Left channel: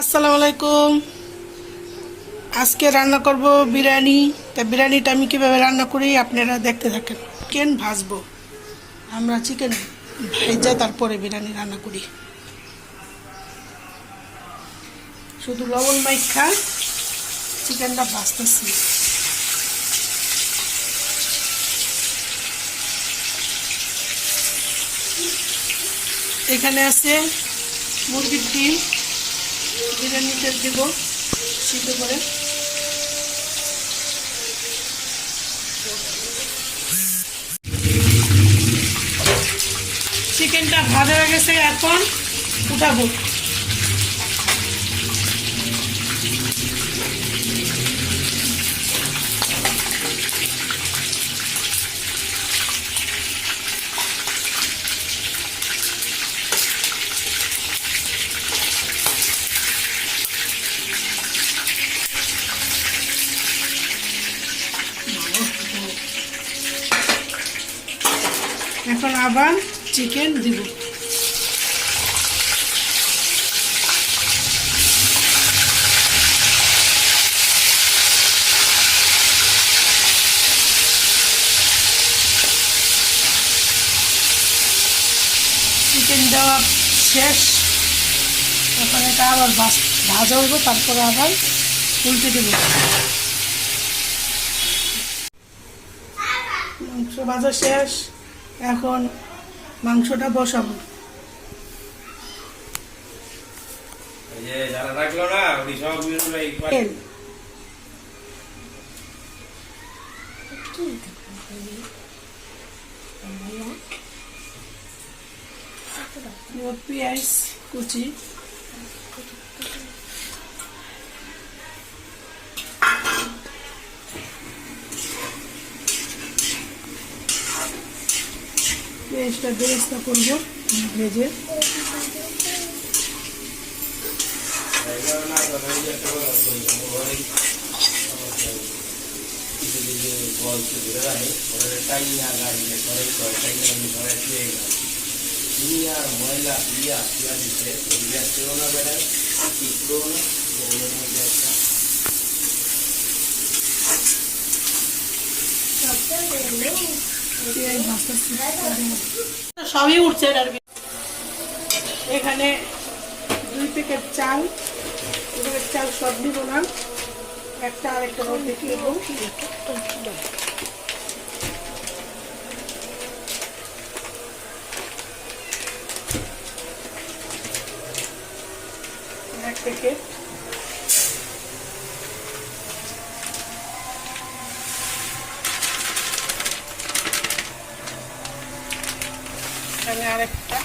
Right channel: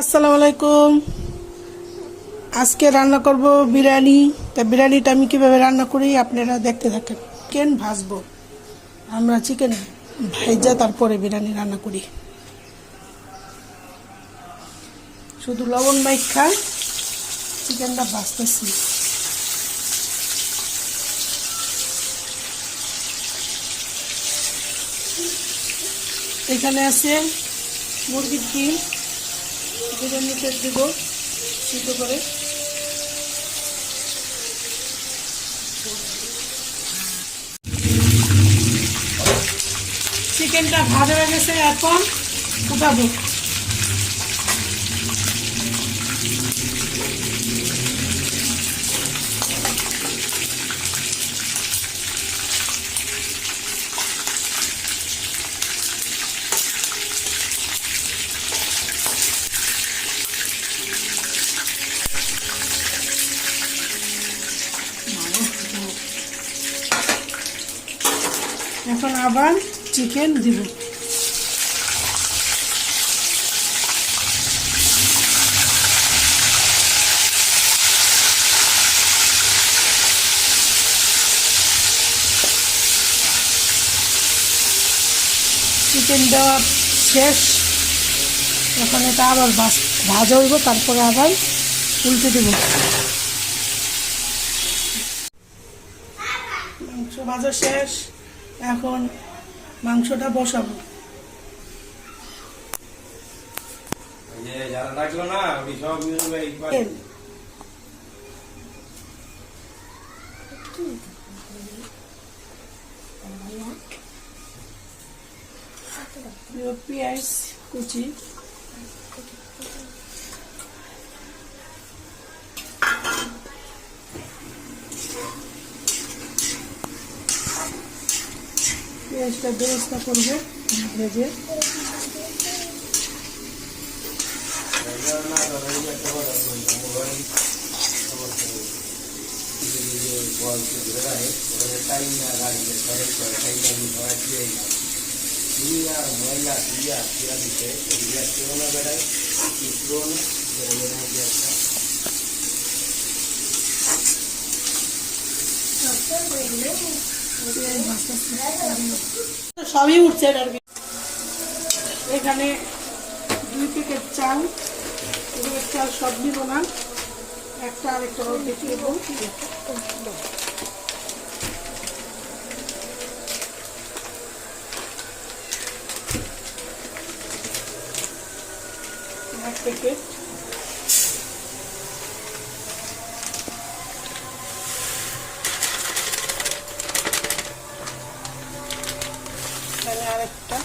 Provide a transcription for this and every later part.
আসসালামু আলাইকুম। আজকে রান্না করব বিরিয়ানি। তা বিরিয়ানিটা আমি কিভাবে রান্না করি আপনারা দেখতে থাকেন। চিকেন ভাজবো, আমরা চিকেন ভেজে তারপরে বিরিয়ানি রান্না করি। শুধু লবণ মাইখা চিকেনটা ভাজতেছি। এখানে আছে মুরগির ডিম, বিরিয়ানিতে দিব সিদ্ধ করে। চিকেনটা ভাজা হয়ে গেছে, এখন উঠাবো। এখন আবার চিকেন দিব। চিকেনটা শেষ, এখন এটা আবার ভাজা হইব, তারপরে আবার উল্টে দেব। মাংস ভাজা শেষ, এখন মাংসটা বসাবো। পেঁয়াজ কুচি, পেঁয়াজটা বেরেস্তা করবো ভেজে। সবই উঠছে আর কি। এখানে 2 প্যাকেট চাল, চাল সব দিব না, একটা আরেকটা অর্ধেক দেবো। এক প্যাকেট আরেকটা,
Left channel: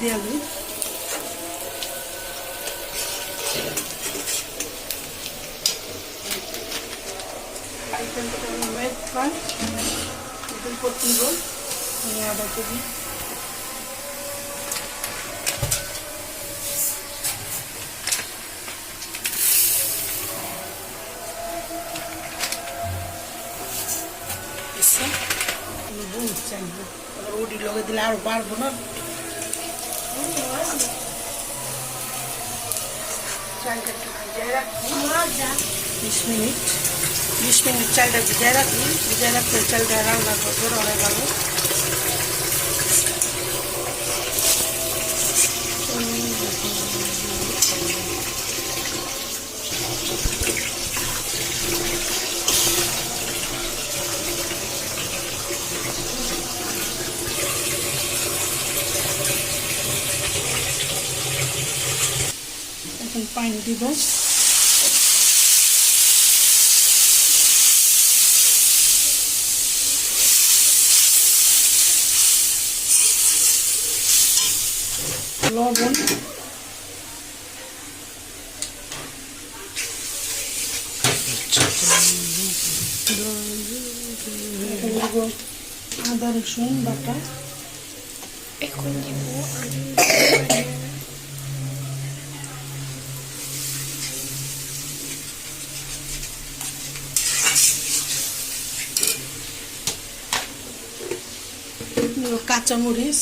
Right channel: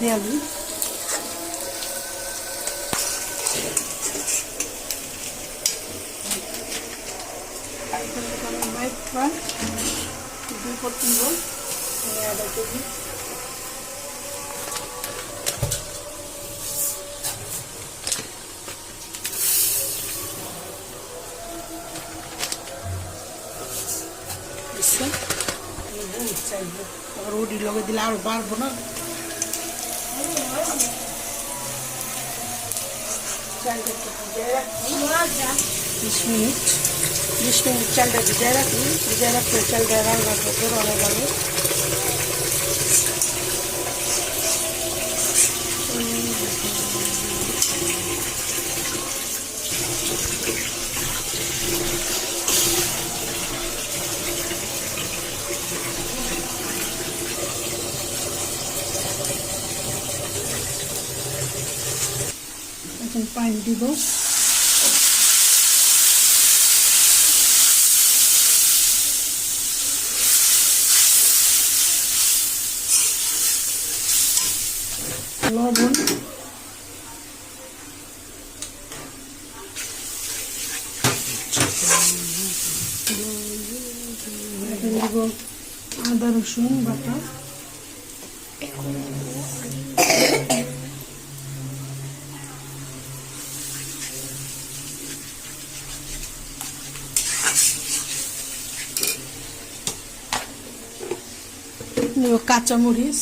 দিয়ালি আদা কেজি। রুটি লগে দিলে আর বাড়বো না। 20 মিনিট চালটা ভিজায় রাখি। ভিজায় রাখলে চালটা রান্না করবো, রয়ে গেল। এখন পানি দিব। লবণ, আদা রসুন বাটা, এখন দিব কাঁচামরিচ,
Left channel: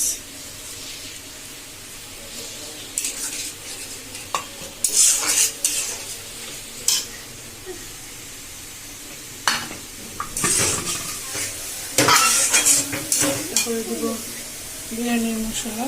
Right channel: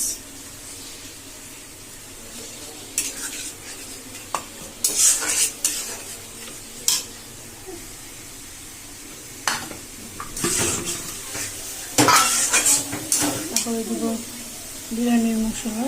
তারপরে দেব বিরিয়ানি মশলা,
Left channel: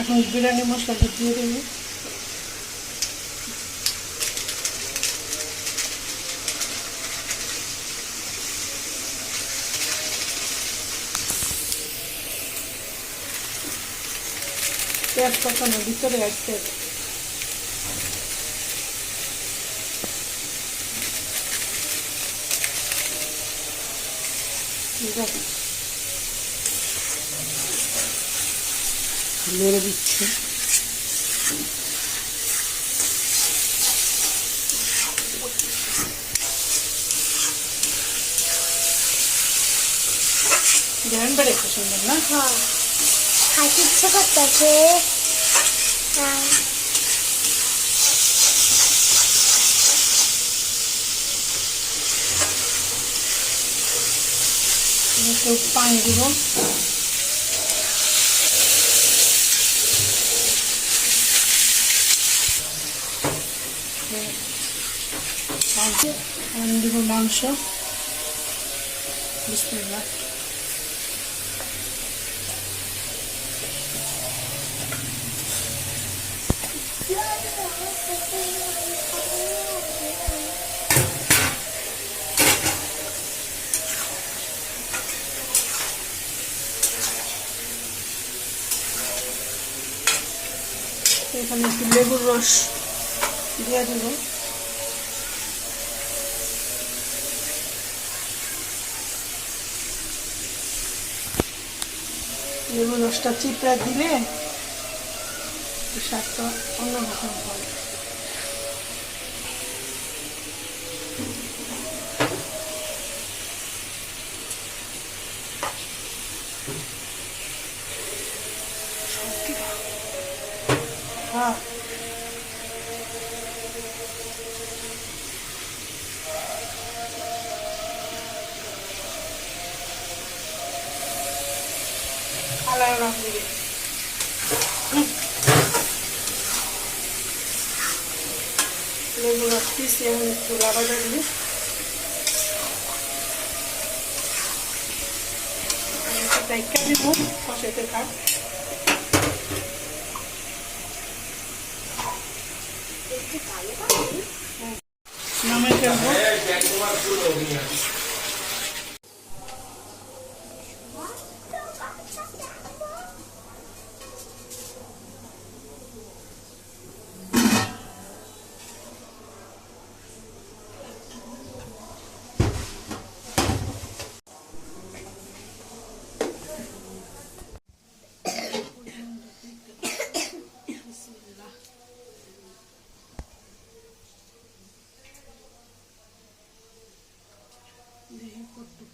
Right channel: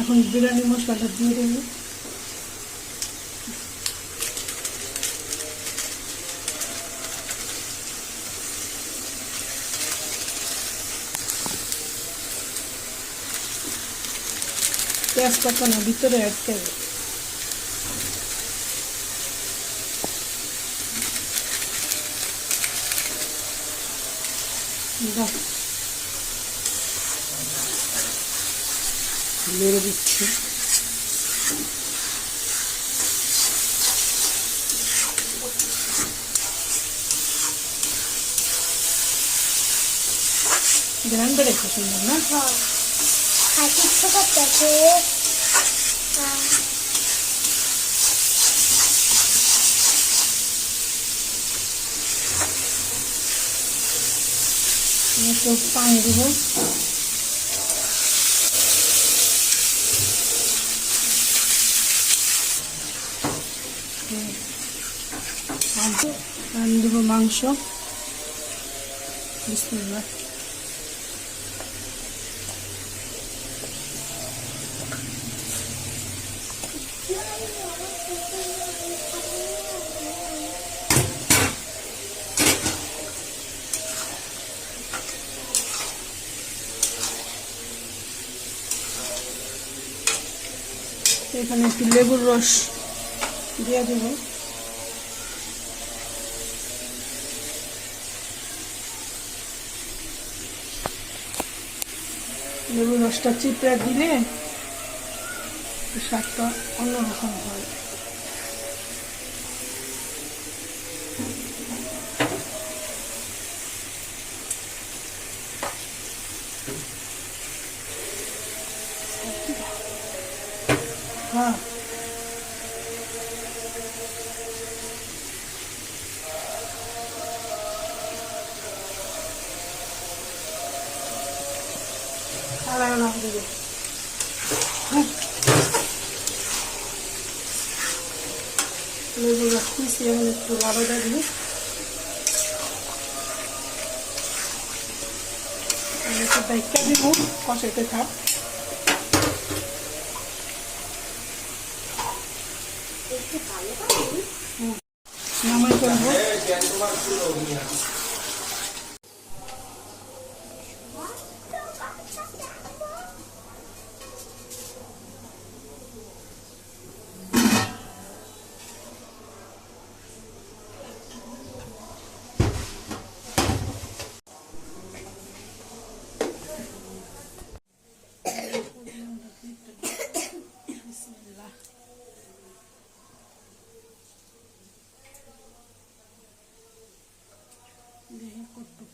এখন বিরিয়ানি মশলাটা দিয়ে দেবো। পেঁয়াজ কখনো ভিতরে রাখতে হবে। নেড়ে দিচ্ছি। গ্রাইন্ডার একটু সুন্দর না? খাইতে ইচ্ছে করতেছে। একটু পানি দেব। আমি দেবো মাংস। বিসমিল্লাহ। এখানে একটু লেবুর রস দিয়ে দেবো। লেবুর রসটা চিপড়া দিলে স্বাদটা অন্যরকম হয়। হ্যাঁ, লেবু রস পিছিয়ে একটু লাড়া দেবো। ঢাকা দিব, কষাইতে থাক। নামাই ফেলবো।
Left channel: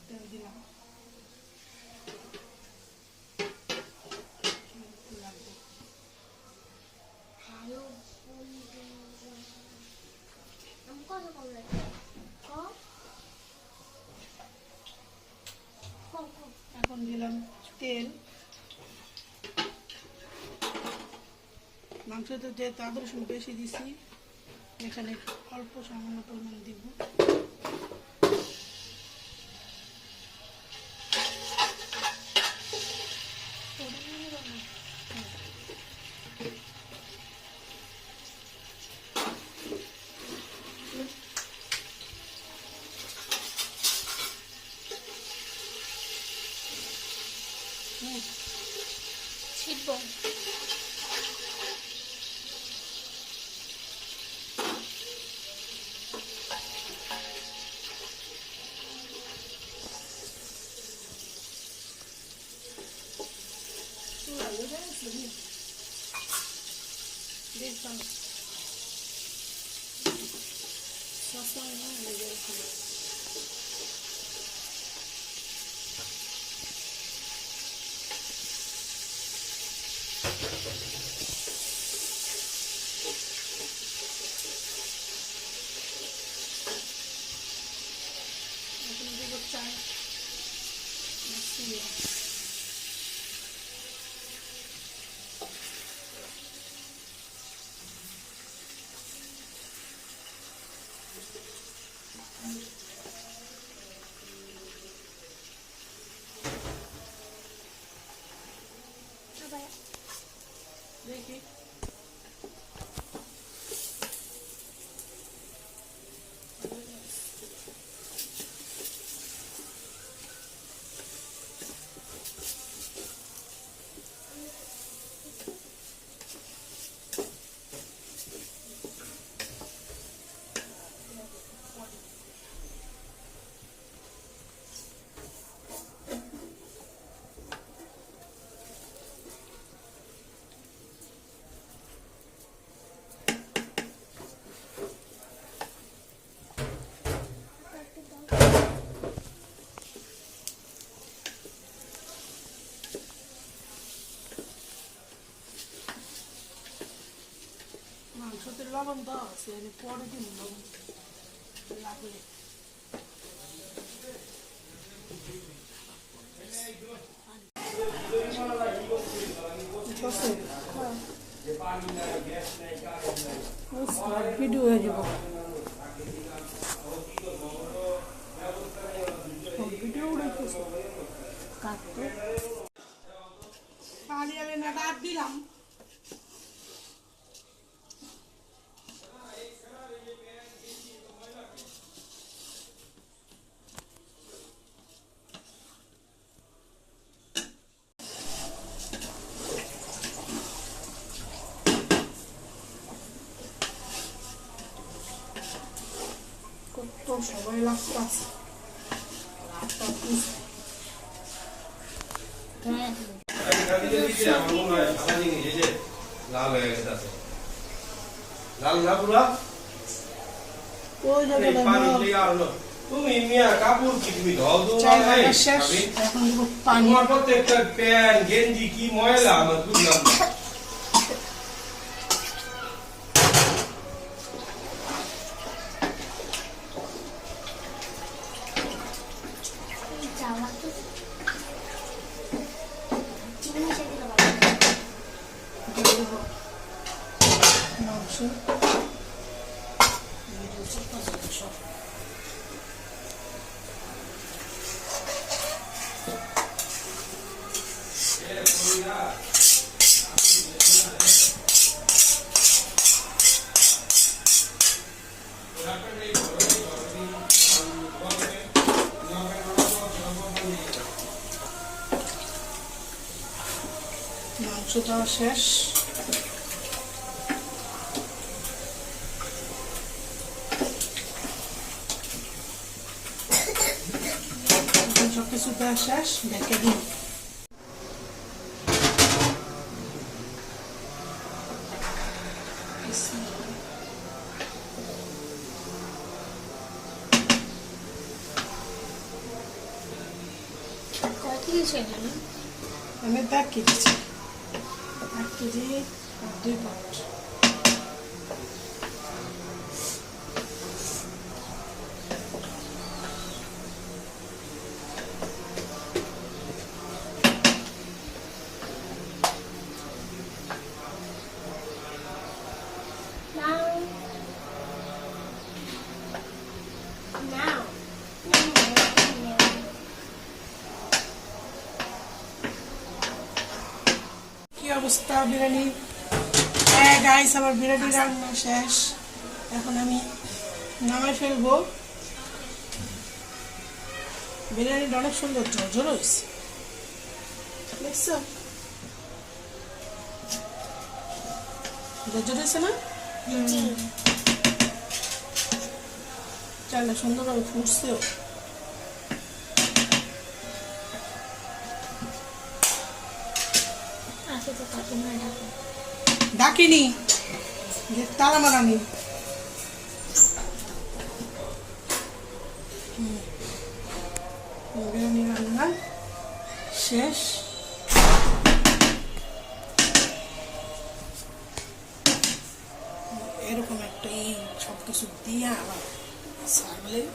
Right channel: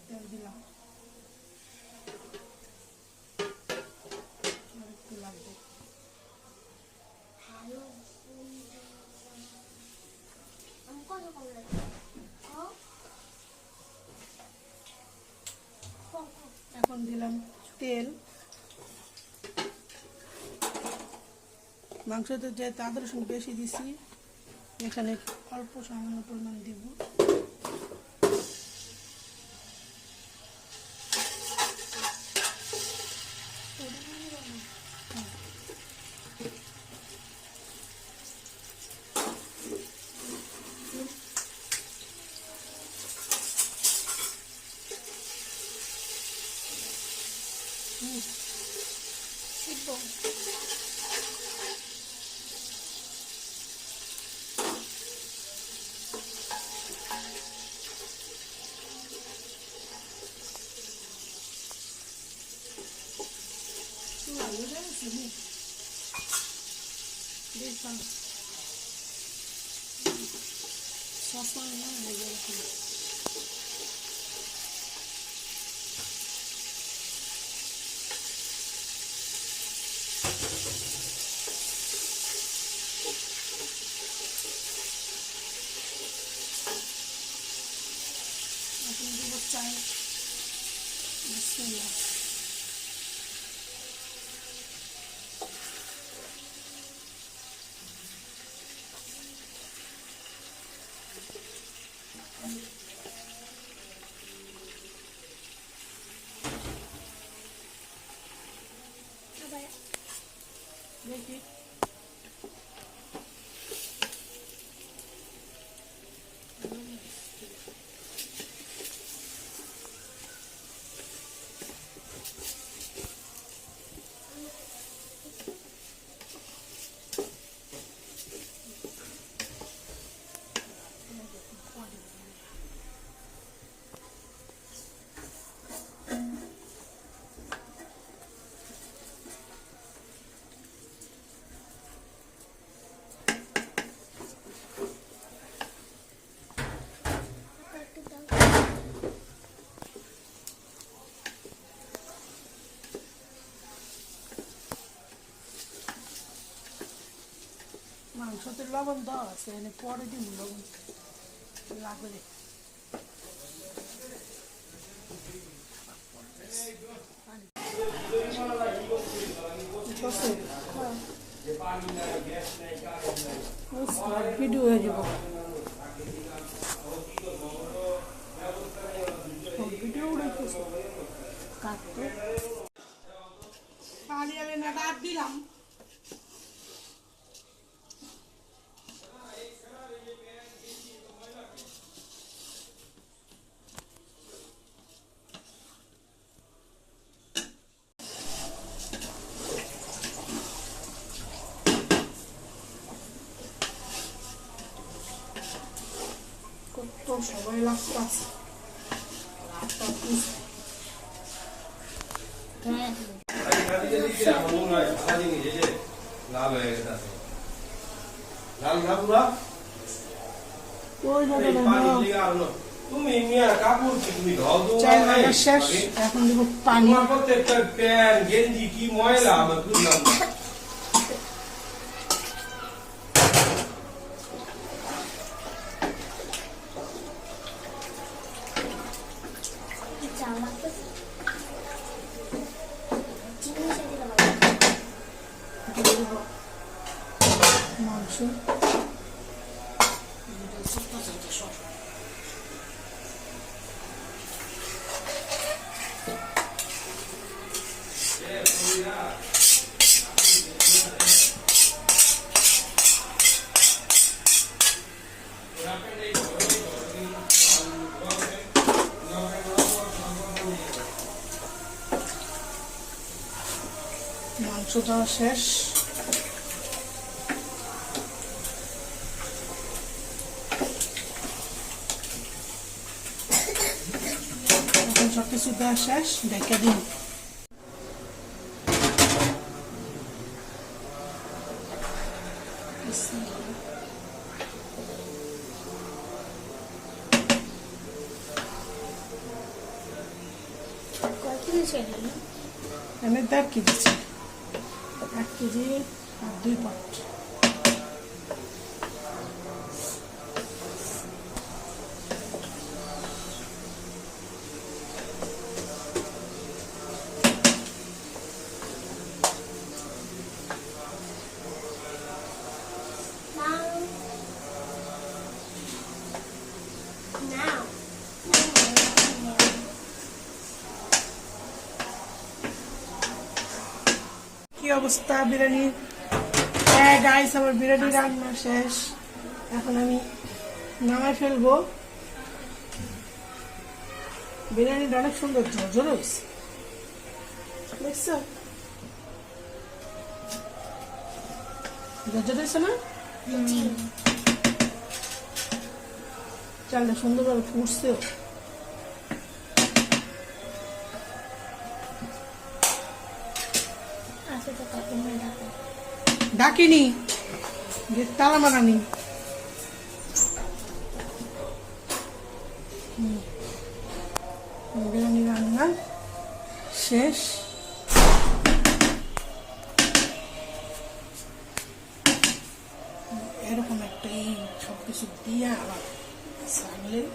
তেল দিলাম। এখন দিলাম তেল। মাংসতে যে আদা রসুন বেশি দিছি, এখানে অল্প সামান্য পরিমাণ দিব। চাই দেখি মাংসতে লবণ দেওয়া আছে মানে পরে দিন লবণ লাগলে ভিডিও হয়ে যাব ভিডিও উড়াইতেছে কাটতে পানি আমি না রাত দিলাম কত সময় লাগতেছে তুমি মিয়া কাপড় কি তুমি ধোও শেষ এখন দেবো পানি তোমার প্রত্যেকটা প্যান্ট গেঞ্জি কি ময়লা আমার বুঝলাম না মাংস মাংসটা শেষ সবকিছু দেওয়া শেষ ঢেকে দিন আমি 1.5 কেজি 1 কেজি 2 পট অবস্থা বিরিয়ানি গাইস আমার বিরিয়ানি রান্না শেষ এখন আমি নামাই ফেলবো বিরিয়ানিটা অনেক সুন্দর ঝরঝর হয়েছে দেখছো ঝরঝর হয়েছে না চালে সুন্দরভাবে ফুটছেও ডাকিনি যে তালা মারানি বিরিয়ানি রান্না শেষ। এরকম একটা এই সব কিছু দিয়ে আবার ছাগলের